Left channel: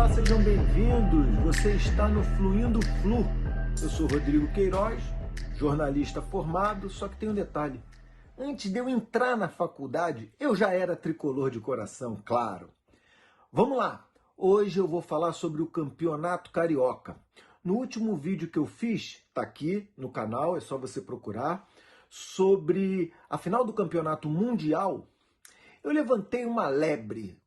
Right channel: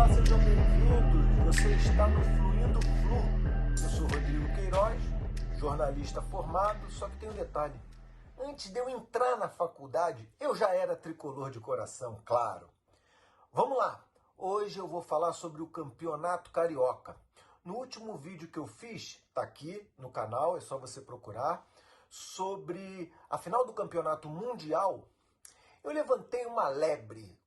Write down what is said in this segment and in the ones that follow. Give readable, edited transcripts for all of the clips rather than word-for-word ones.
Olá, sejam bem-vindos. Você está no Fluindo Flu. Eu sou Rodrigo Queiroz, jornalista formado, só que tem um detalhe. Antes de eu entrar na faculdade, eu já era tricolor de coração, claro. Vamos lá. Hoje eu vou falar sobre o Campeonato Carioca. No último vídeo que eu fiz, tá aqui no canal, é só você procurar, sobre a final do Campeonato Mundial, eu levantei uma lebre.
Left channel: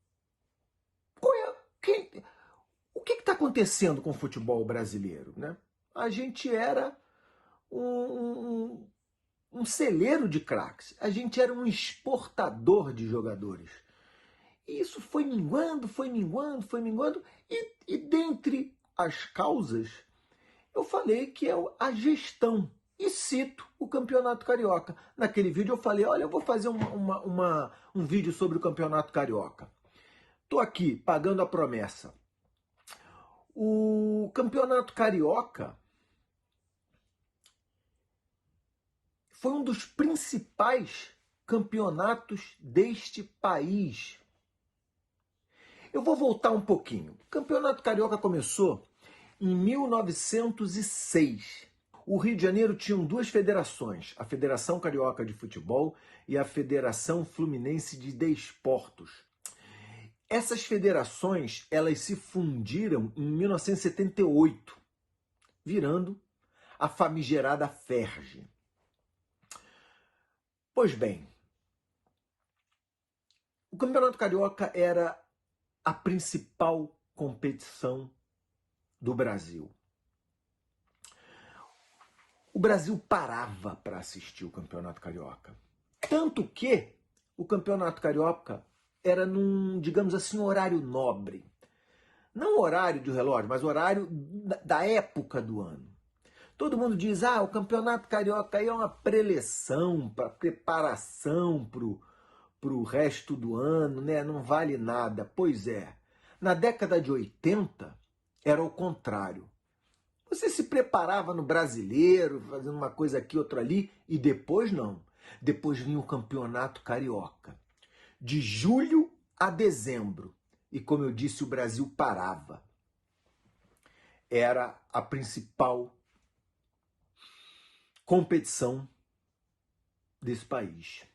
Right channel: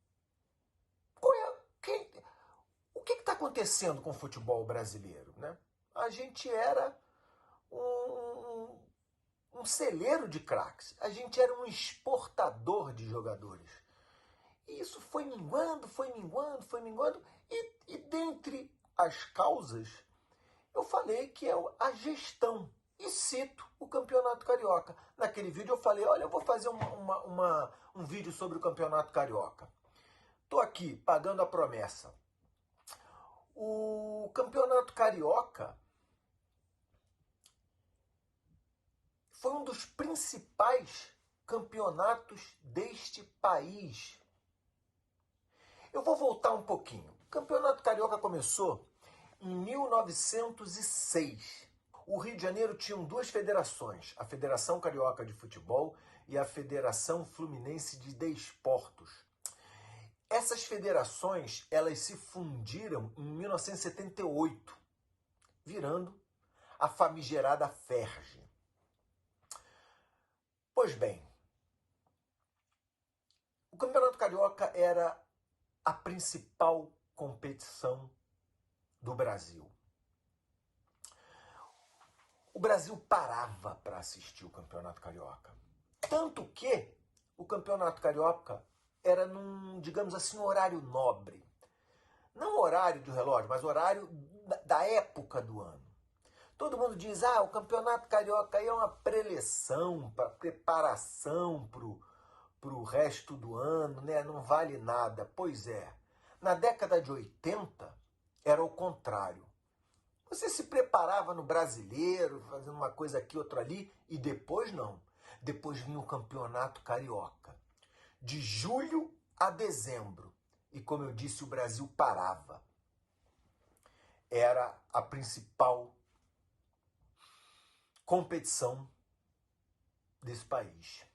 O que está acontecendo com o futebol brasileiro, né? A gente era um celeiro de craques, a gente era um exportador de jogadores. E isso foi minguando, e dentre as causas, eu falei que é a gestão. E cito o Campeonato Carioca. Naquele vídeo eu falei, olha, eu vou fazer um vídeo sobre o Campeonato Carioca. Estou aqui, pagando a promessa. O Campeonato Carioca foi um dos principais campeonatos deste país. Eu vou voltar um pouquinho. O Campeonato Carioca começou em 1906. O Rio de Janeiro tinha duas federações, a Federação Carioca de Futebol e a Federação Fluminense de Desportos. Essas federações, elas se fundiram em 1978, virando a famigerada FERJ. Pois bem, o Campeonato Carioca era a principal competição do Brasil. O Brasil parava para assistir o Campeonato Carioca. Tanto que o Campeonato Carioca era num, digamos assim, horário nobre. Não horário de relógio, mas horário da época do ano. Todo mundo diz, o Campeonato Carioca aí é uma preleção, para preparação para o resto do ano, né? Não vale nada. Pois é, na década de 80 era o contrário. Você se preparava no Brasileiro, fazendo uma coisa aqui, outra ali, e depois não. Depois vinha o Campeonato Carioca. De julho a dezembro. E como eu disse, o Brasil parava. Era a principal competição desse país.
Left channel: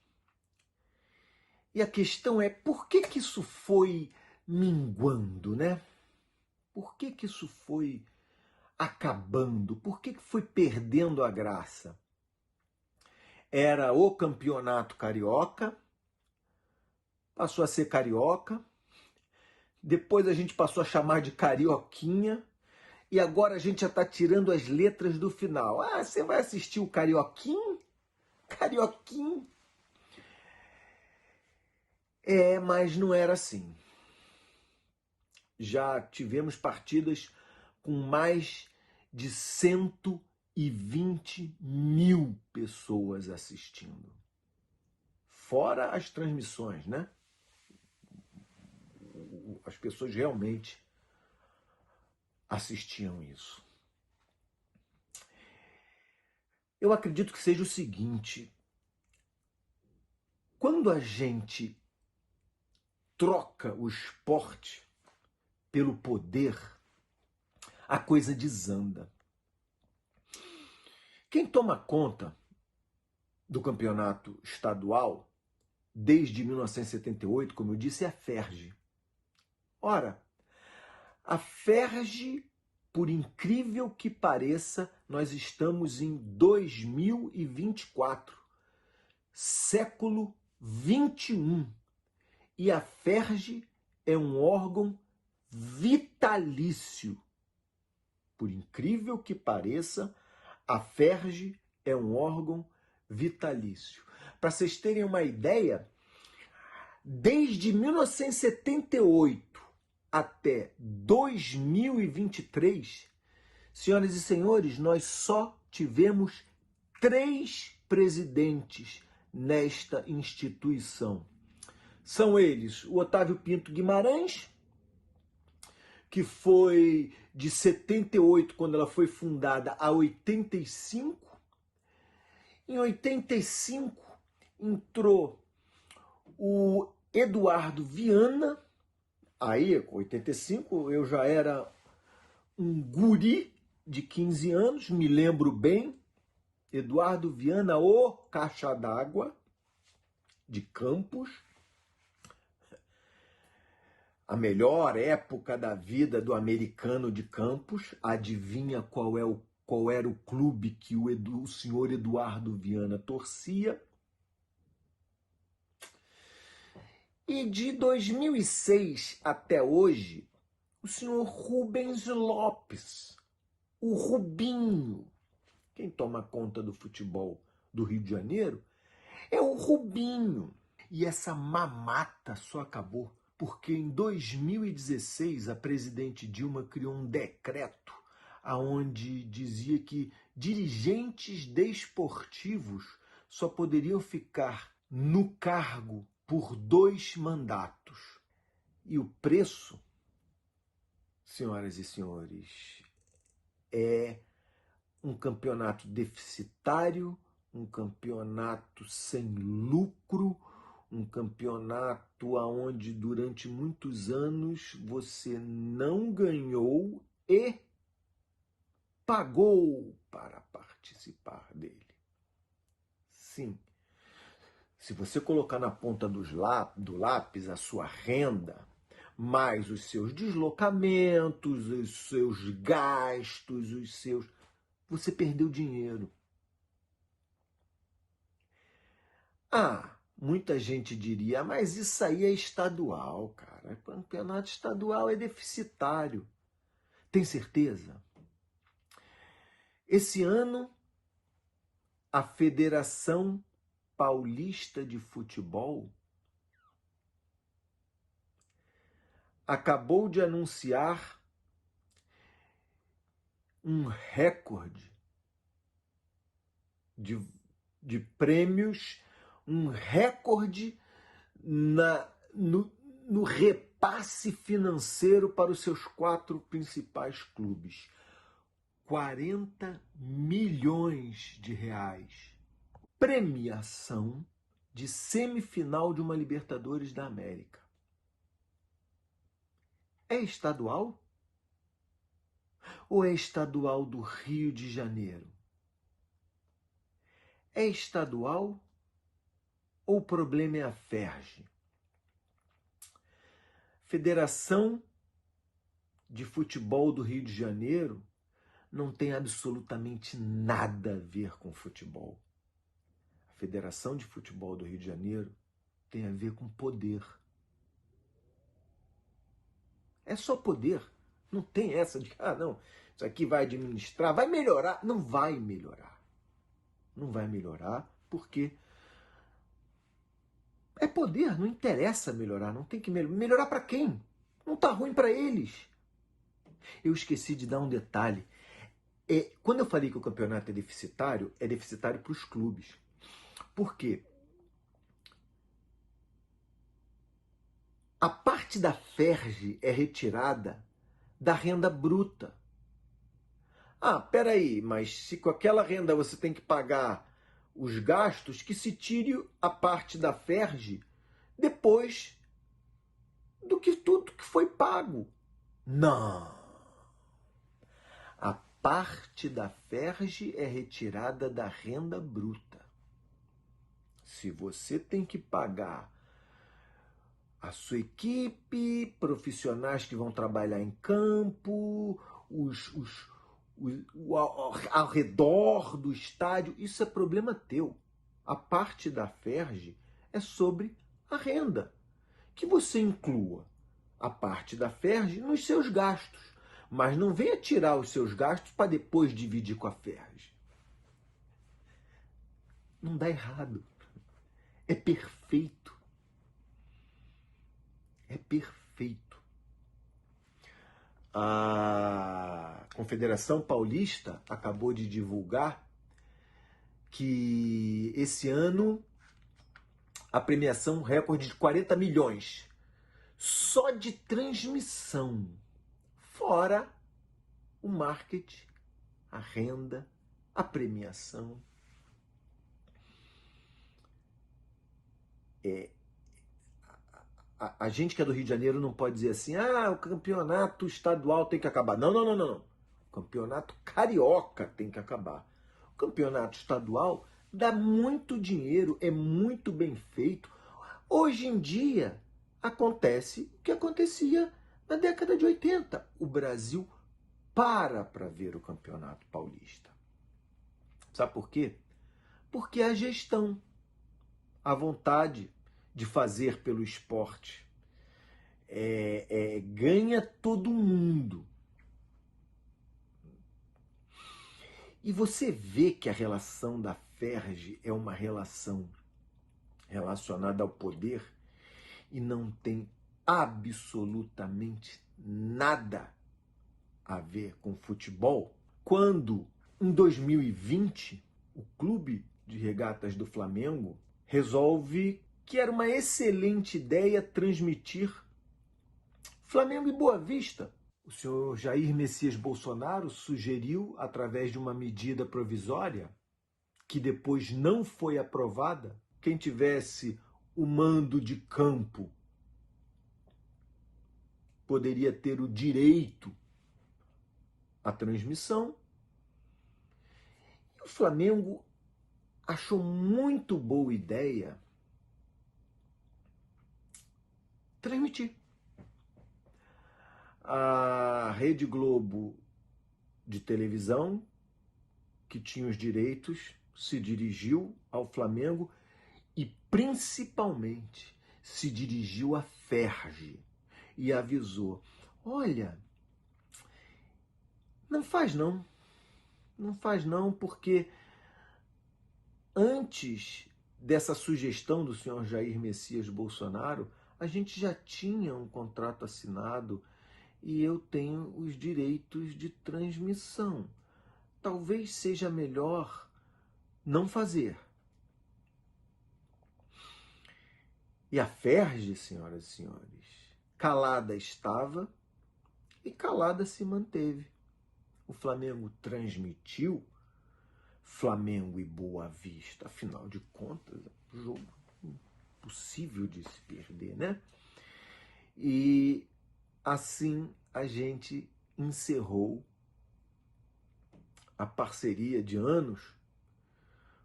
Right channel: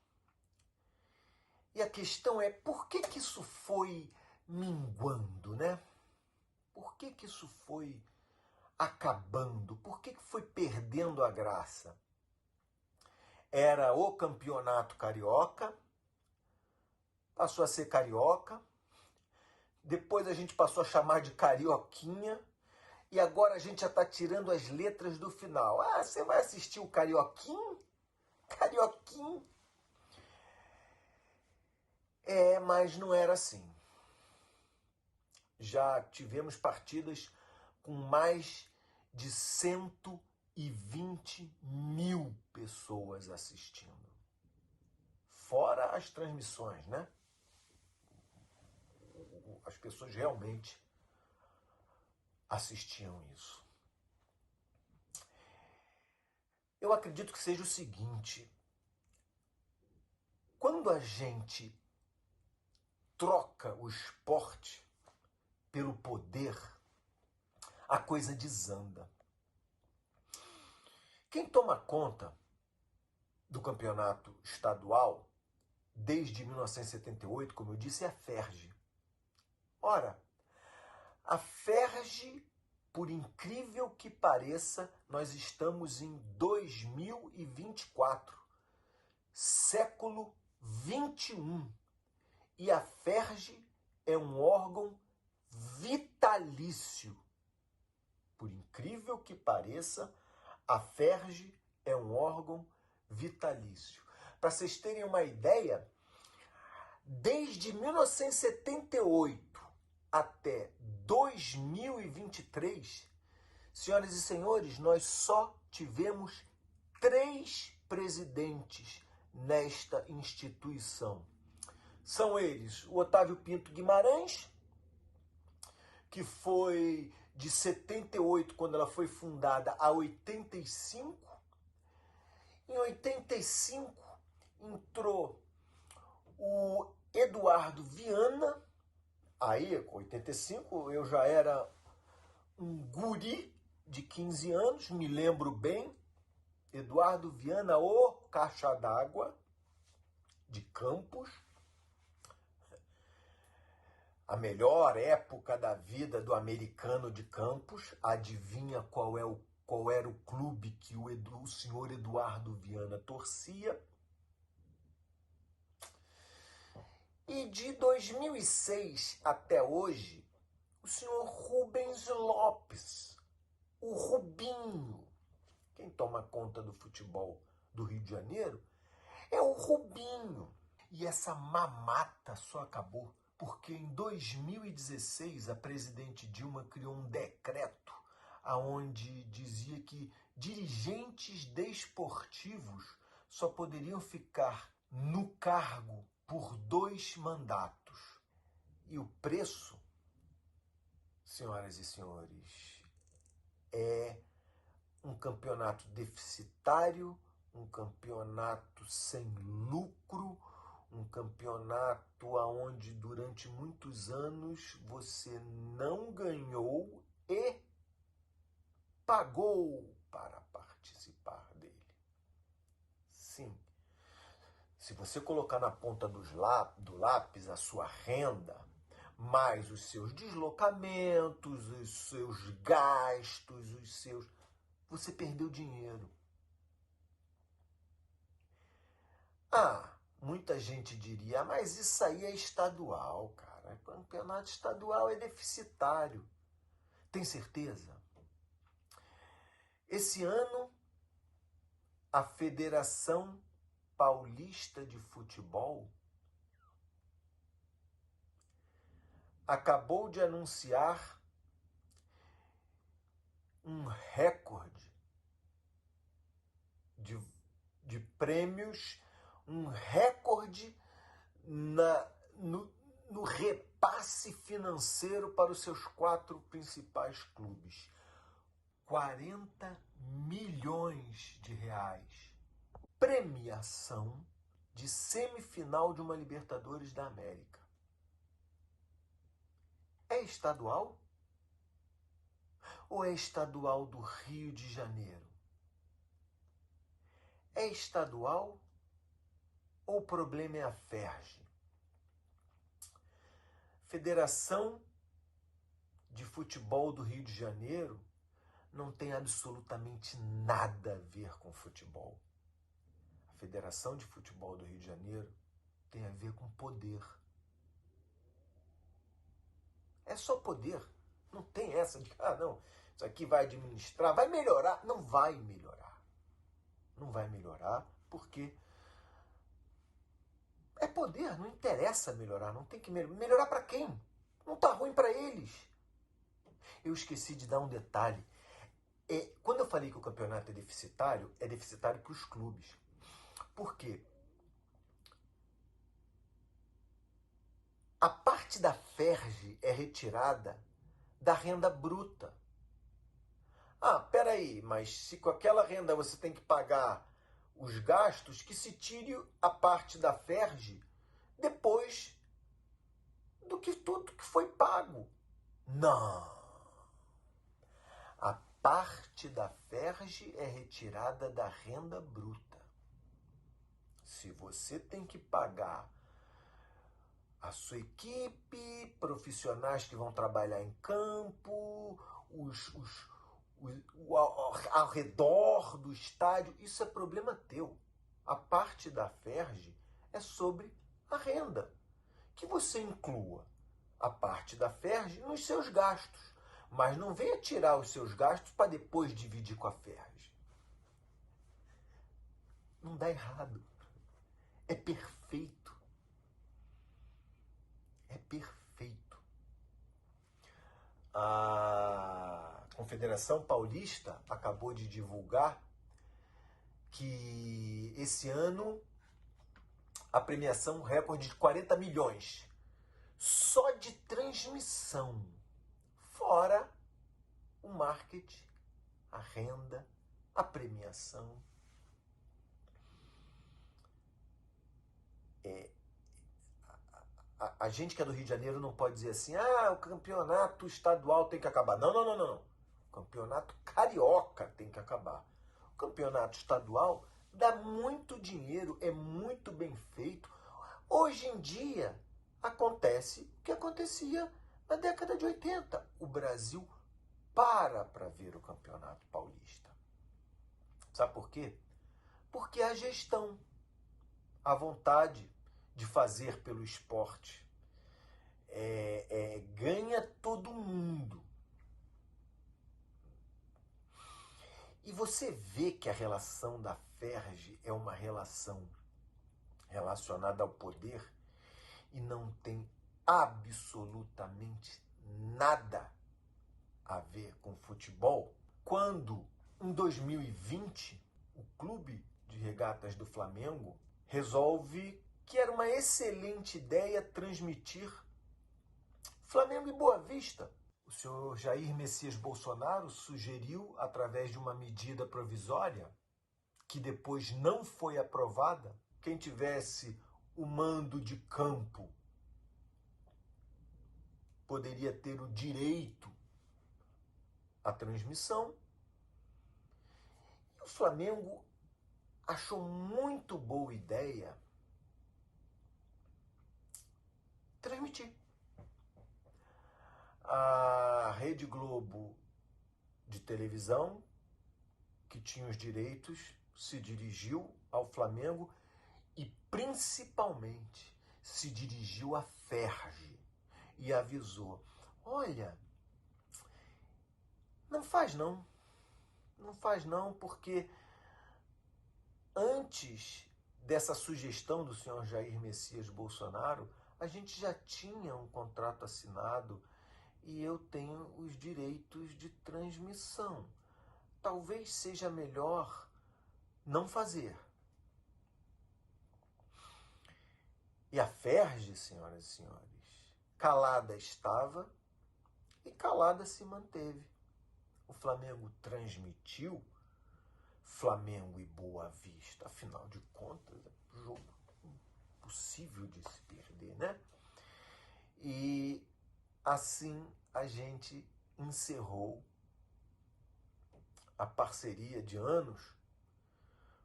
E a questão é, por que isso foi minguando, né? Por que isso foi acabando? Por que foi perdendo a graça? Era o Campeonato Carioca, passou a ser Carioca, depois a gente passou a chamar de Carioquinha, e agora a gente já está tirando as letras do final. Você vai assistir o Carioquinho? Carioquinho? Mas não era assim. Já tivemos partidas com mais de 120 mil pessoas assistindo. Fora as transmissões, né? As pessoas realmente assistiam isso. Eu acredito que seja o seguinte: quando a gente troca o esporte pelo poder, a coisa desanda. Quem toma conta do campeonato estadual desde 1978, como eu disse, é a FERJ. Ora, a FERJ, por incrível que pareça, nós estamos em 2024, século 21, e a FERJ é um órgão vitalício. Por incrível que pareça, a FERJ é um órgão vitalício. Para vocês terem uma ideia, desde 1978 até 2023, senhoras e senhores, nós só tivemos 3 presidentes nesta instituição. São eles o Otávio Pinto Guimarães, que foi de 78, quando ela foi fundada, a 85. Em 85 entrou o Eduardo Viana, Aí, com 85, eu já era um guri de 15 anos, me lembro bem, Eduardo Viana, o caixa d'água de Campos, a melhor época da vida do americano de Campos. Adivinha qual era o clube que o senhor Eduardo Viana torcia? E de 2006 até hoje, o senhor Rubens Lopes, o Rubinho. Quem toma conta do futebol do Rio de Janeiro é o Rubinho. E essa mamata só acabou porque em 2016 a presidente Dilma criou um decreto aonde dizia que dirigentes desportivos só poderiam ficar no cargo por 2 mandatos. E o preço, senhoras e senhores, é um campeonato deficitário, um campeonato sem lucro, um campeonato onde durante muitos anos você não ganhou e pagou para participar dele. Sim, se você colocar na ponta do lápis a sua renda, mais os seus deslocamentos, os seus gastos, você perdeu dinheiro. Muita gente diria, mas isso aí é estadual, cara. O campeonato estadual é deficitário. Tem certeza? Esse ano, a Federação Paulista de Futebol acabou de anunciar um recorde de prêmios, um recorde no repasse financeiro para os seus 4 principais clubes. 40 milhões de reais. Premiação de semifinal de uma Libertadores da América. É estadual? Ou é estadual do Rio de Janeiro? É estadual ou o problema é a FERJ? Federação de Futebol do Rio de Janeiro não tem absolutamente nada a ver com futebol. A Federação de Futebol do Rio de Janeiro tem a ver com poder. É só poder. Não tem essa de, não, isso aqui vai administrar, vai melhorar. Não vai melhorar. Não vai melhorar porque é poder, não interessa melhorar, não tem que melhorar. Melhorar para quem? Não tá ruim para eles. Eu esqueci de dar um detalhe. Quando eu falei que o campeonato é deficitário para os clubes. Por quê? A parte da FERJ é retirada da renda bruta. Peraí, mas se com aquela renda você tem que pagar os gastos, que se tire a parte da FERJ depois do que tudo que foi pago. Não. A parte da FERJ é retirada da renda bruta. Se você tem que pagar a sua equipe, profissionais que vão trabalhar em campo, ao redor do estádio, isso é problema teu. A parte da FERJ é sobre a renda. Que você inclua a parte da FERJ nos seus gastos, mas não venha tirar os seus gastos para depois dividir com a FERJ. Não dá errado. É perfeito. É perfeito. A Confederação Paulista acabou de divulgar que esse ano a premiação recorde de 40 milhões só de transmissão, fora o marketing, a renda, a premiação. a gente que é do Rio de Janeiro não pode dizer assim, o campeonato estadual tem que acabar. Não, não, não, não, não. O campeonato carioca tem que acabar. O campeonato estadual dá muito dinheiro, é muito bem feito. Hoje em dia, acontece o que acontecia na década de 80. O Brasil para ver o Campeonato Paulista. Sabe por quê? Porque a gestão, a vontade de fazer pelo esporte ganha todo mundo. E você vê que a relação da Ferg é uma relação relacionada ao poder e não tem absolutamente nada a ver com futebol, quando em 2020 o Clube de Regatas do Flamengo resolve que era uma excelente ideia transmitir Flamengo e Boa Vista. O senhor Jair Messias Bolsonaro sugeriu, através de uma medida provisória, que depois não foi aprovada, quem tivesse o mando de campo poderia ter o direito à transmissão. E o Flamengo achou muito boa ideia transmitir. A Rede Globo de televisão, que tinha os direitos, se dirigiu ao Flamengo e principalmente se dirigiu à Ferg e avisou: olha, não faz não, porque antes dessa sugestão do senhor Jair Messias Bolsonaro, a gente já tinha um contrato assinado e eu tenho os direitos de transmissão. Talvez seja melhor não fazer. E a Ferg, senhoras e senhores, calada estava e calada se manteve. O Flamengo transmitiu Flamengo e Boa Vista. Afinal de contas, é um jogo impossível de se perder, né? E assim a gente encerrou a parceria de anos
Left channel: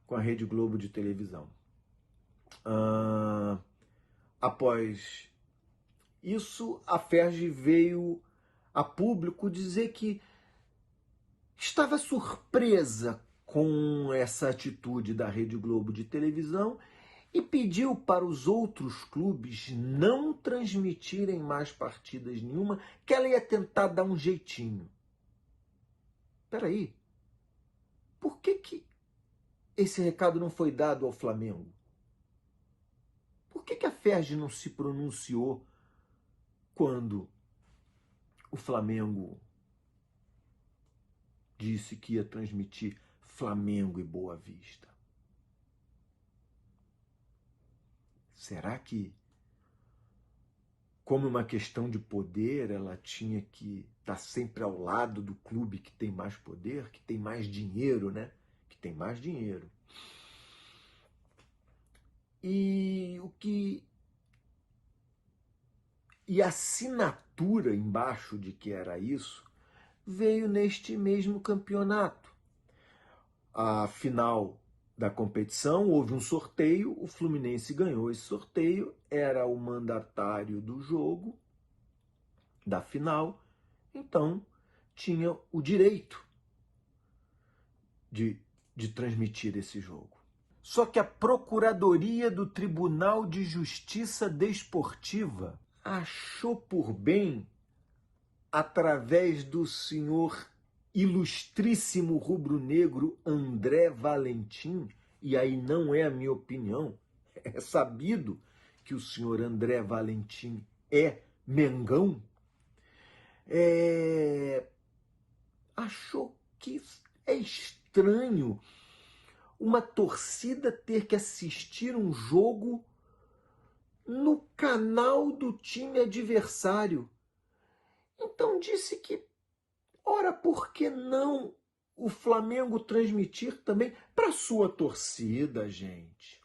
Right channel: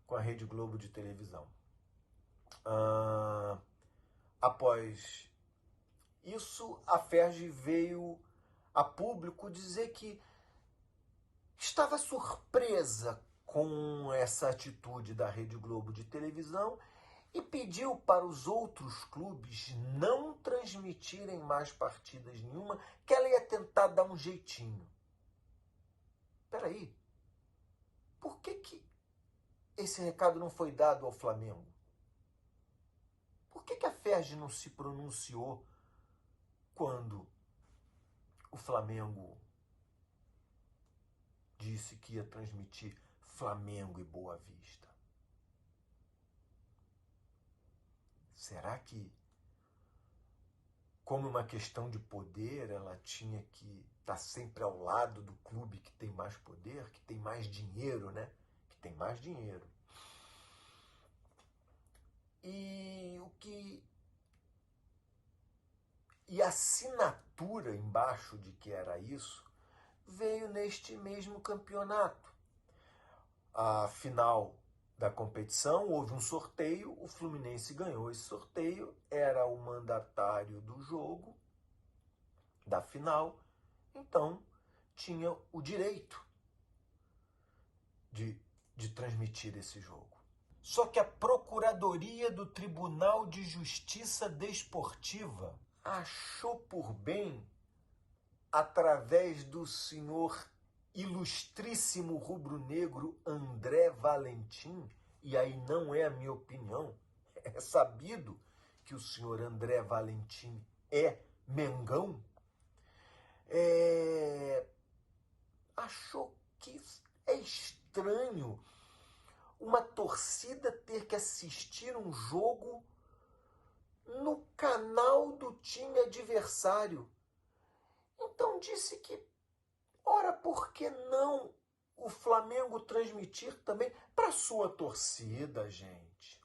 com a Rede Globo de televisão. Após isso, a Ferg veio a público dizer que estava surpresa com essa atitude da Rede Globo de televisão e pediu para os outros clubes não transmitirem mais partidas nenhuma, que ela ia tentar dar um jeitinho. Espera aí, por que esse recado não foi dado ao Flamengo? Por que a Ferg não se pronunciou quando o Flamengo disse que ia transmitir Flamengo e Boa Vista? Será que, como uma questão de poder, ela tinha que estar sempre ao lado do clube que tem mais poder, que tem mais dinheiro, né? Que tem mais dinheiro. E a assinatura embaixo de que era isso veio neste mesmo campeonato. A final da competição, houve um sorteio, o Fluminense ganhou esse sorteio, era o mandatário do jogo, da final, então tinha o direito de transmitir esse jogo. Só que a Procuradoria do Tribunal de Justiça Desportiva achou por bem, através do senhor ilustríssimo rubro-negro André Valentim, e aí não é a minha opinião, é sabido que o senhor André Valentim é Mengão, achou que é estranho uma torcida ter que assistir um jogo no canal do time adversário. Então disse que, ora, por que não o Flamengo transmitir também para sua torcida, gente?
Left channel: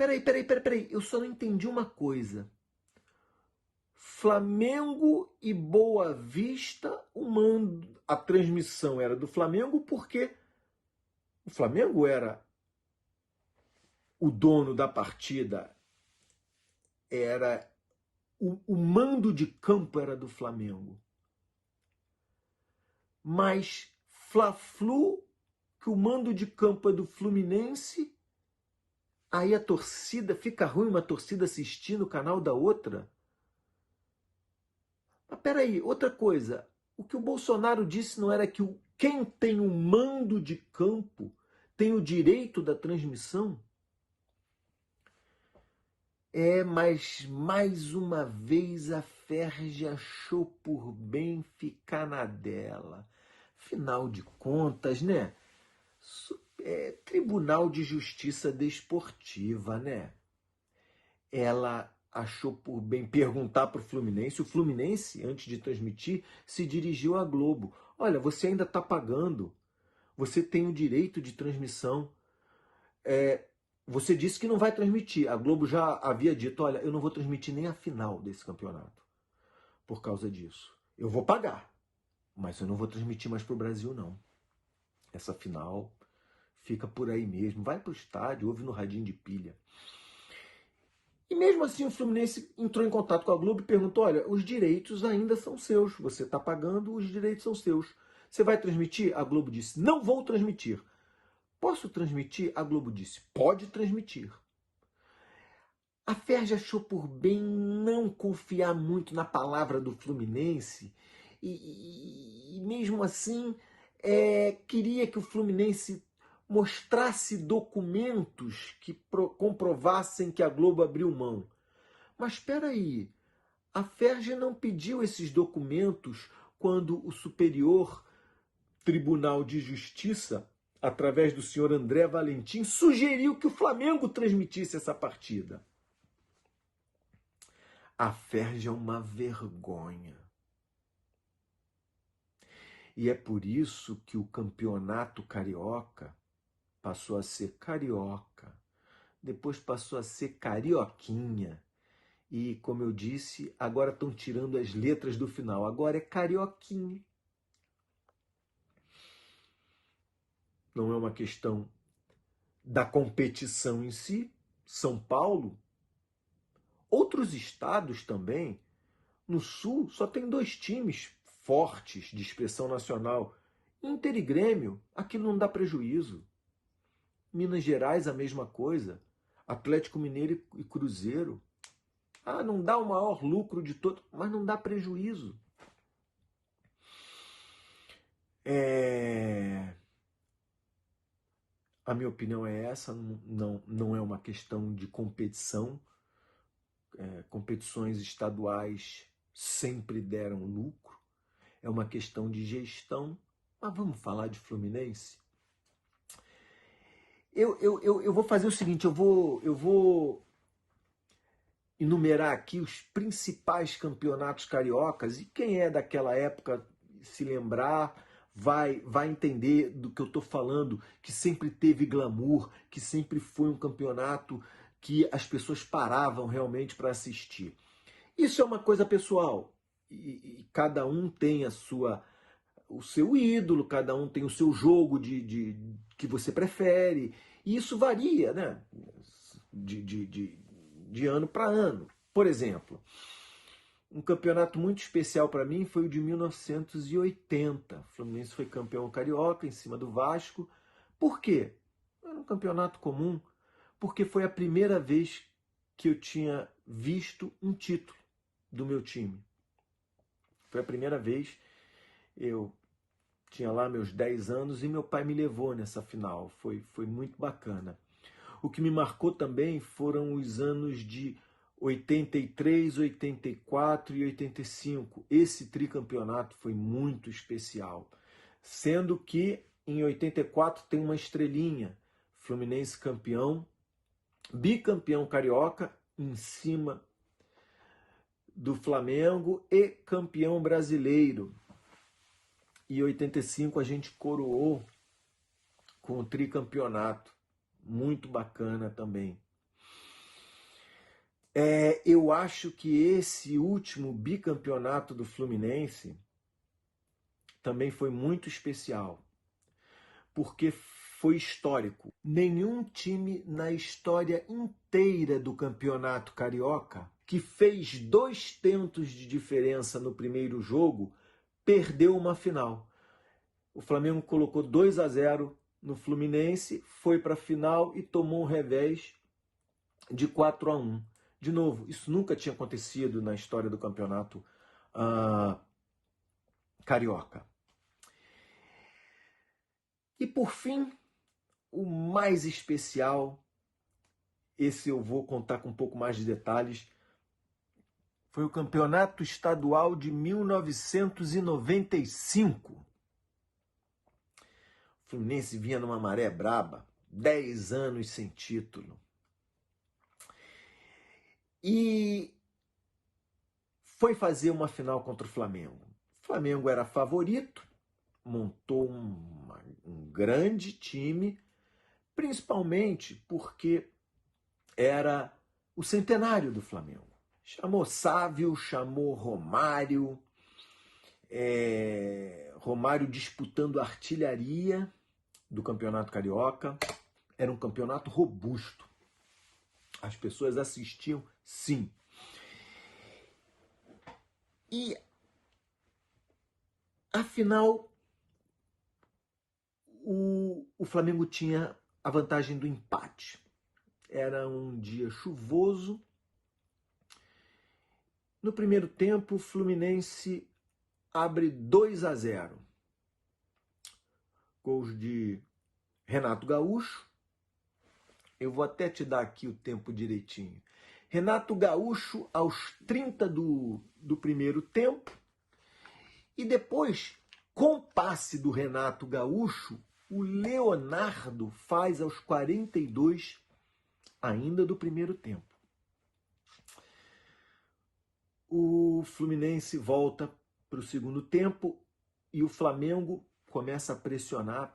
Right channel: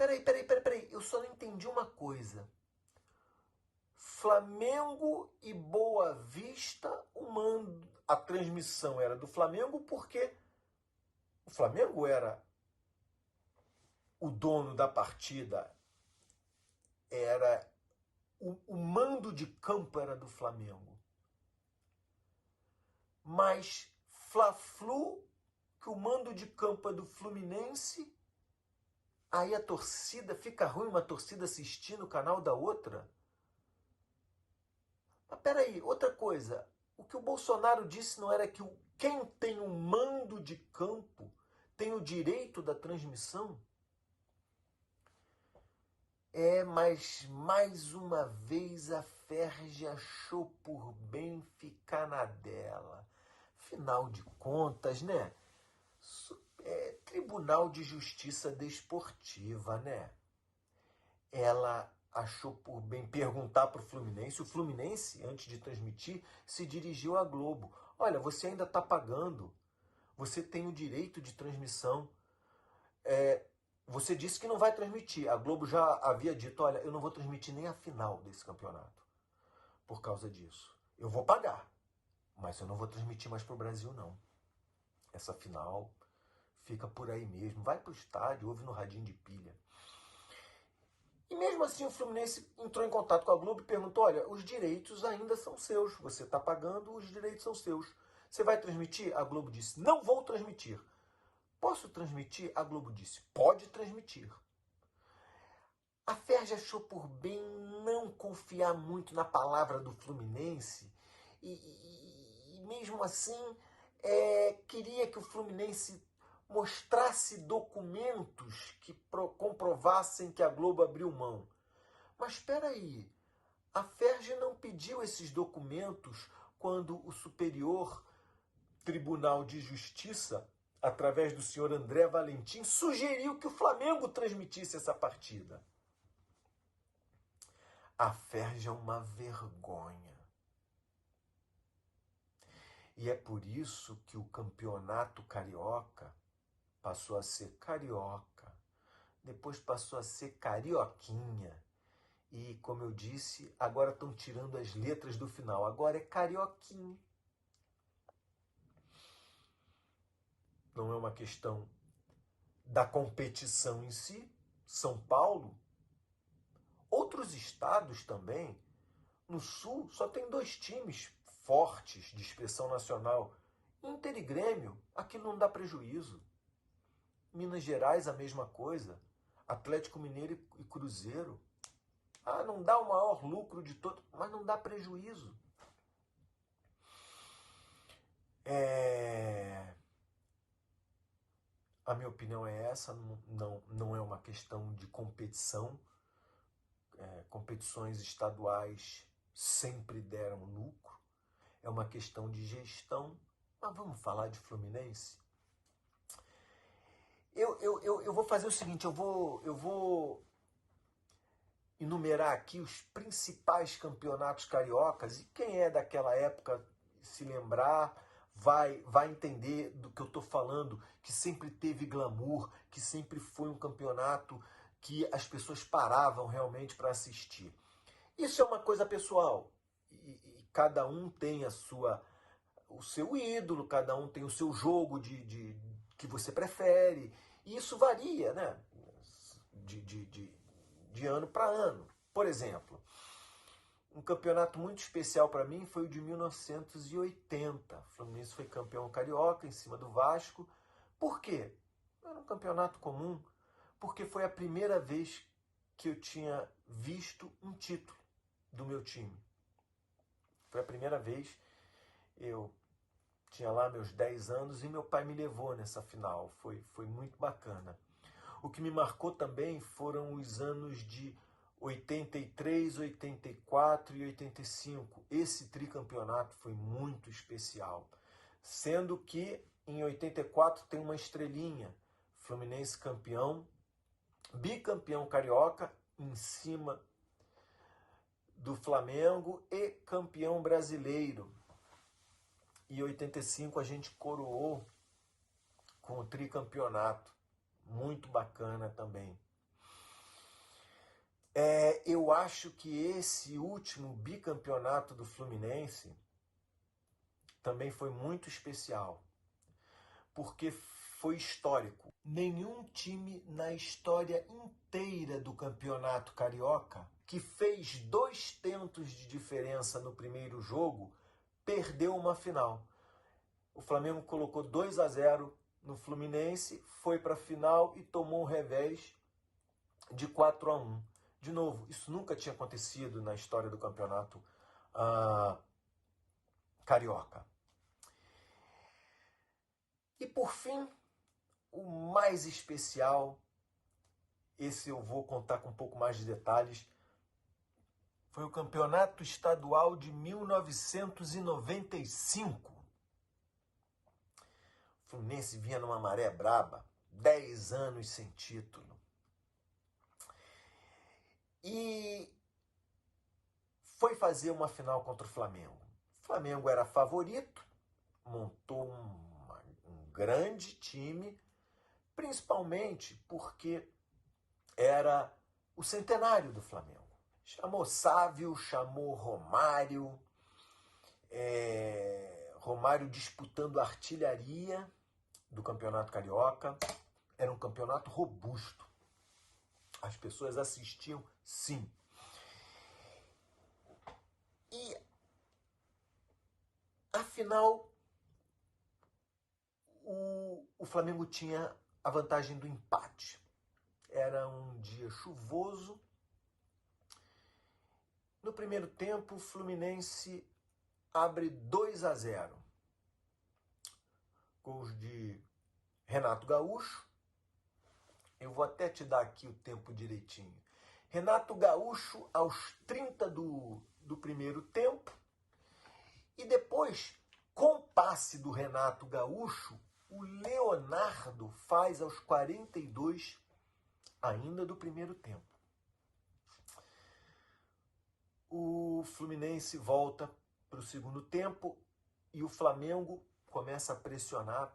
Peraí, eu só não entendi uma coisa. Flamengo e Boa Vista, a transmissão era do Flamengo porque o Flamengo era o dono da partida, era o mando de campo era do Flamengo. Mas Fla-Flu, que o mando de campo é do Fluminense, aí a torcida, fica ruim uma torcida assistindo o canal da outra? Mas peraí, outra coisa, o que o Bolsonaro disse não era que quem tem o mando de campo tem o direito da transmissão? Mas mais uma vez a Ferge achou por bem ficar na dela. Afinal de contas, né? Tribunal de Justiça Desportiva, né? Ela achou por bem perguntar para o Fluminense. O Fluminense, antes de transmitir, se dirigiu à Globo. Olha, você ainda está pagando. Você tem o direito de transmissão. Você disse que não vai transmitir. A Globo já havia dito, olha, eu não vou transmitir nem a final desse campeonato. Por causa disso. Eu vou pagar. Mas eu não vou transmitir mais para o Brasil, não. Essa final fica por aí mesmo. Vai para o estádio, ouve no radinho de pilha. E mesmo assim o Fluminense entrou em contato com a Globo e perguntou, olha, os direitos ainda são seus. Você está pagando, os direitos são seus. Você vai transmitir? A Globo disse, não vou transmitir. Posso transmitir? A Globo disse, pode transmitir. A Ferge achou por bem não confiar muito na palavra do Fluminense e mesmo assim queria que o Fluminense mostrasse documentos que comprovassem que a Globo abriu mão. Mas espera aí, a Ferge não pediu esses documentos quando o Superior Tribunal de Justiça, através do senhor André Valentim, sugeriu que o Flamengo transmitisse essa partida. A Ferge é uma vergonha. E é por isso que o campeonato carioca passou a ser carioca, depois passou a ser carioquinha. E, como eu disse, agora estão tirando as letras do final. Agora é carioquinha. Não é uma questão da competição em si. São Paulo, outros estados também, no Sul, só tem 2 times fortes de expressão nacional. Inter e Grêmio, aquilo não dá prejuízo. Minas Gerais, a mesma coisa. Atlético Mineiro e Cruzeiro. Não dá o maior lucro de todo, mas não dá prejuízo. A minha opinião é essa, não é uma questão de competição. Competições estaduais sempre deram lucro. É uma questão de gestão. Mas vamos falar de Fluminense? Eu vou fazer o seguinte, eu vou enumerar aqui os principais campeonatos cariocas, e quem é daquela época se lembrar vai entender do que eu estou falando, que sempre teve glamour, que sempre foi um campeonato que as pessoas paravam realmente para assistir. Isso é uma coisa pessoal, e cada um tem o seu ídolo, cada um tem o seu jogo que você prefere, e isso varia, né? De ano para ano. Por exemplo, um campeonato muito especial para mim foi o de 1980. O Fluminense foi campeão carioca em cima do Vasco. Por quê? Era um campeonato comum, porque foi a primeira vez que eu tinha visto um título do meu time. Foi a primeira vez. Eu tinha lá meus 10 anos e meu pai me levou nessa final. Foi muito bacana. O que me marcou também foram os anos de 83, 84 e 85. Esse tricampeonato foi muito especial. Sendo que em 84 tem uma estrelinha. Fluminense campeão, bicampeão carioca em cima do Flamengo e campeão brasileiro. E 85 a gente coroou com o tricampeonato. Muito bacana também. Eu acho que esse último bicampeonato do Fluminense também foi muito especial, porque foi histórico. Nenhum time na história inteira do Campeonato Carioca que fez 2 tentos de diferença no primeiro jogo perdeu uma final. O Flamengo colocou 2-0 no Fluminense, foi para a final e tomou um revés de 4-1. De novo, isso nunca tinha acontecido na história do Campeonato Carioca. E por fim, o mais especial, esse eu vou contar com um pouco mais de detalhes, foi o Campeonato Estadual de 1995. O Fluminense vinha numa maré braba, 10 anos sem título. E foi fazer uma final contra o Flamengo. O Flamengo era favorito, montou um grande time, principalmente porque era o centenário do Flamengo. Chamou Sávio, chamou Romário, Romário disputando a artilharia do Campeonato Carioca. Era um campeonato robusto. As pessoas assistiam, sim. E, afinal, o Flamengo tinha a vantagem do empate. Era um dia chuvoso. No primeiro tempo, o Fluminense abre 2-0. Gols de Renato Gaúcho. Eu vou até te dar aqui o tempo direitinho. Renato Gaúcho aos 30 do primeiro tempo. E depois, com passe do Renato Gaúcho, o Leonardo faz aos 42 ainda do primeiro tempo. O Fluminense volta para o segundo tempo e o Flamengo começa a pressionar.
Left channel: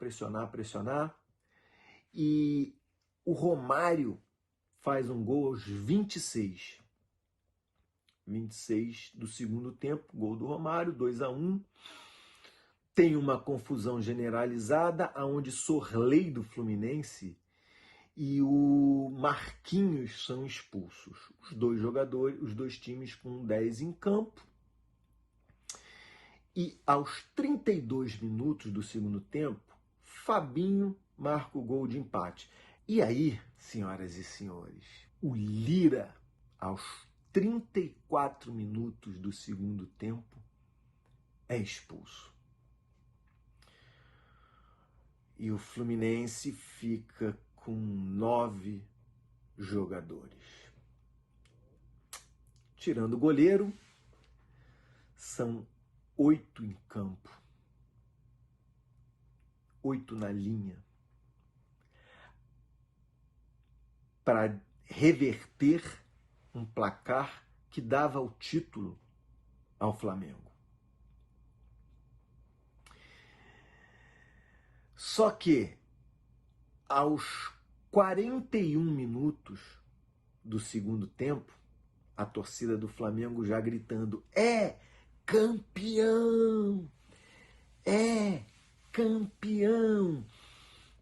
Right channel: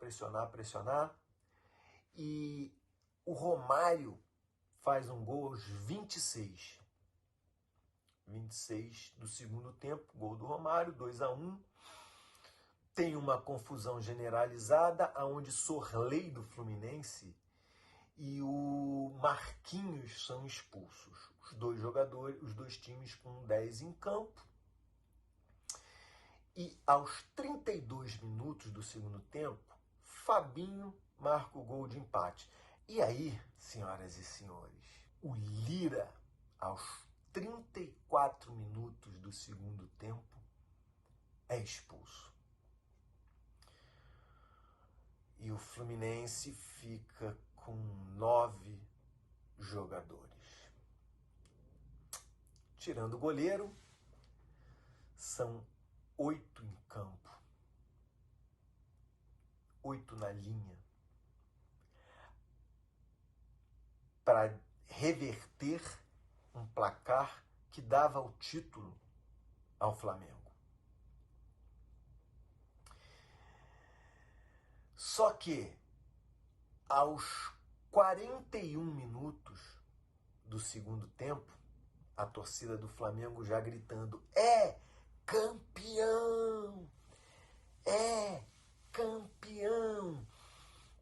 E o Romário faz um gol aos 26. 26 do segundo tempo, gol do Romário, 2-1. Tem uma confusão generalizada, onde Sorley do Fluminense e o Marquinhos são expulsos. Os dois jogadores, os dois times com 10 em campo. E aos 32 minutos do segundo tempo, Fabinho marca o gol de empate. E aí, senhoras e senhores, o Lira, aos 34 minutos do segundo tempo, é expulso. E o Fluminense fica com 9 jogadores. Tirando o goleiro, são 8 em campo. 8 na linha. Para reverter um placar que dava o título ao Flamengo. Só que, aos 41 minutos do segundo tempo, a torcida do Flamengo já gritando: é campeão! É campeão!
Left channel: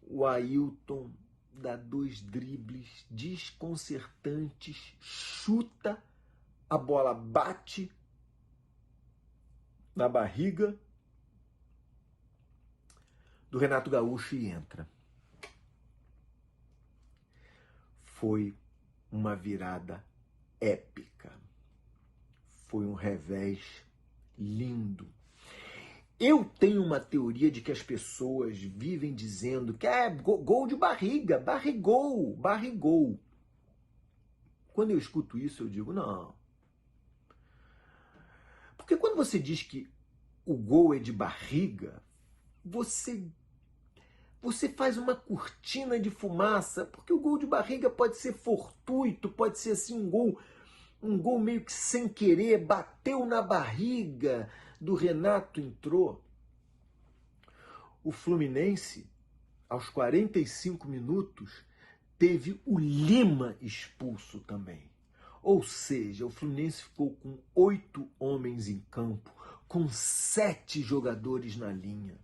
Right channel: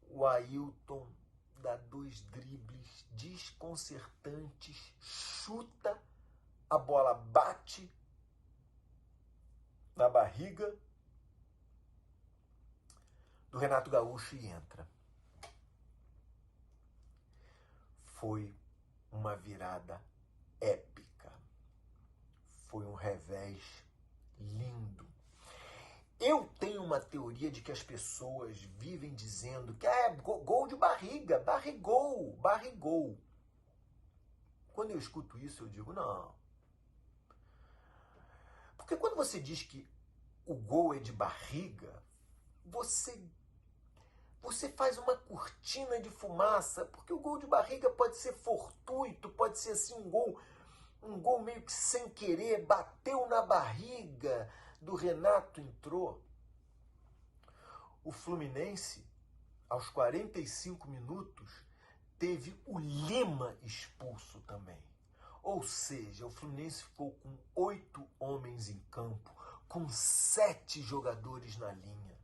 O Ailton dá 2 dribles desconcertantes, chuta, a bola bate na barriga do Renato Gaúcho e entra. Foi uma virada épica. Foi um revés lindo. Eu tenho uma teoria de que as pessoas vivem dizendo que é gol de barriga, barrigol. Quando eu escuto isso, eu digo, não. Porque quando você diz que o gol é de barriga, você faz uma cortina de fumaça, porque o gol de barriga pode ser fortuito, pode ser assim um gol meio que sem querer, bateu na barriga do Renato, entrou. O Fluminense, aos 45 minutos, teve o Lima expulso também. Ou seja, o Fluminense ficou com 8 homens em campo, com 7 jogadores na linha.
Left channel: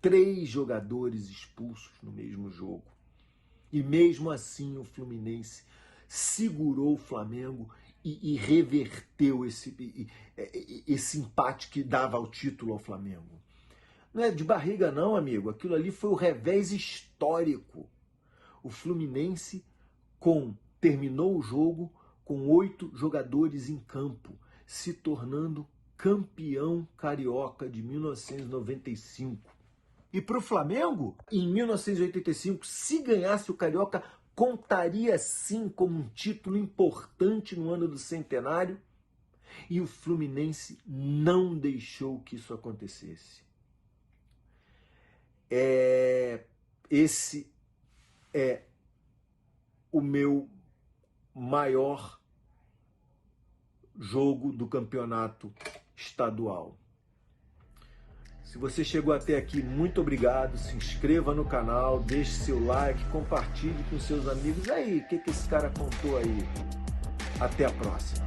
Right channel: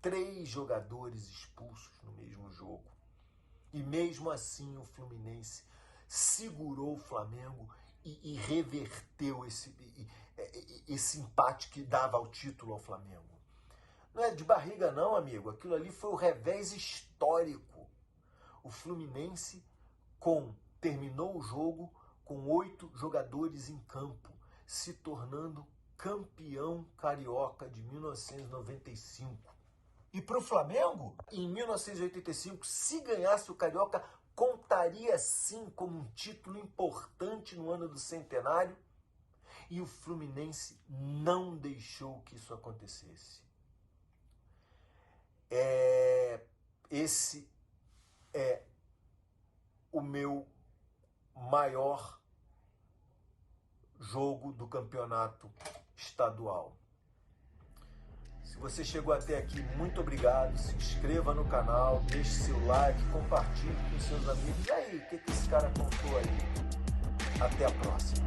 3 jogadores expulsos no mesmo jogo. E mesmo assim o Fluminense segurou o Flamengo e reverteu esse empate que dava o título ao Flamengo. Não é de barriga não, amigo. Aquilo ali foi o revés histórico. O Fluminense terminou o jogo com 8 jogadores em campo, se tornando campeão carioca de 1995. E para o Flamengo, em 1985, se ganhasse o Carioca, contaria sim como um título importante no ano do centenário. E o Fluminense não deixou que isso acontecesse. Esse é o meu maior jogo do campeonato estadual. Se você chegou até aqui, muito obrigado. Se inscreva no canal, deixe seu like, compartilhe com seus amigos. E aí, o que esse cara contou aí? Até a próxima.